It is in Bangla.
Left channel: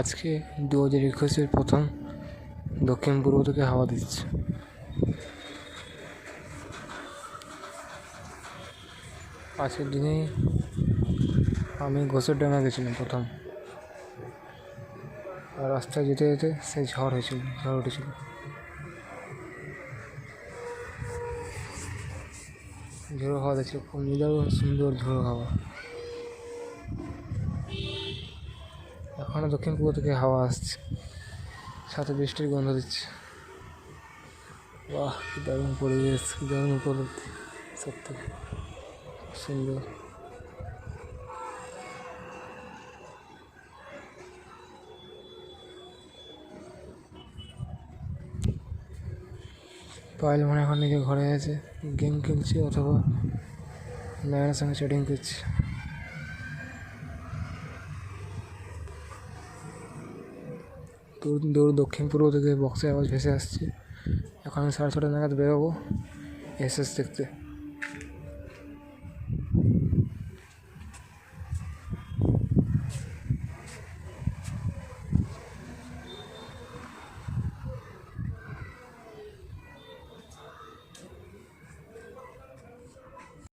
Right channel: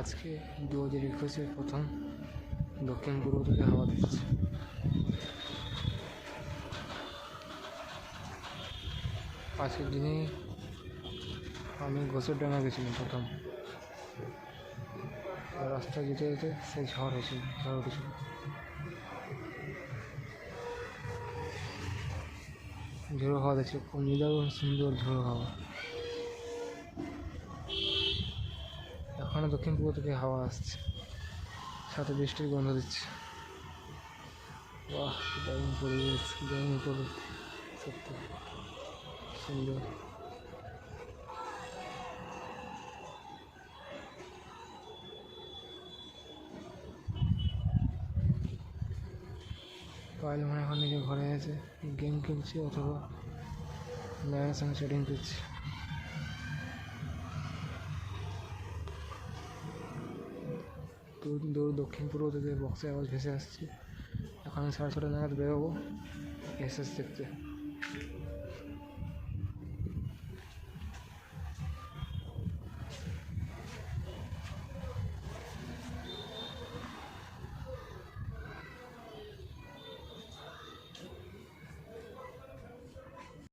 আজকে 2021-এর প্রথম দক্ষিণ পূর্ব থেকে হাওয়া দিচ্ছে। আজকের দিনে আমি ঘোষেরডাঙ্গা গেছিলাম প্রথম, আর রাস্তায় যেতে যেতে সেই ঝড় উঠেছিল। ঝোড়ো হাওয়া দেখছিল, খুব নিদারুণ সুন্দর ঝোড়ো হাওয়া। এখনও দক্ষিণ পূর্ব থেকে হাওয়া আসছে, সাথে বৃষ্টির গন্ধ দিচ্ছে। বাহ, কি দারুণ পরিবেশ, কি দারুণ উপলব্ধি, সত্যি সুন্দর। পায়েল মনে এখন নিজের ঘরে আছে, গেম খেলছে অথবা নায়নের সঙ্গে চ্যাটিং করছে। দূর দক্ষিণ পূর্ব থেকে বক্সের আওয়াজ ভেসে আসছে। এখন আমি 6:30 নাগাদ বেরোবো এসএস দেখতে।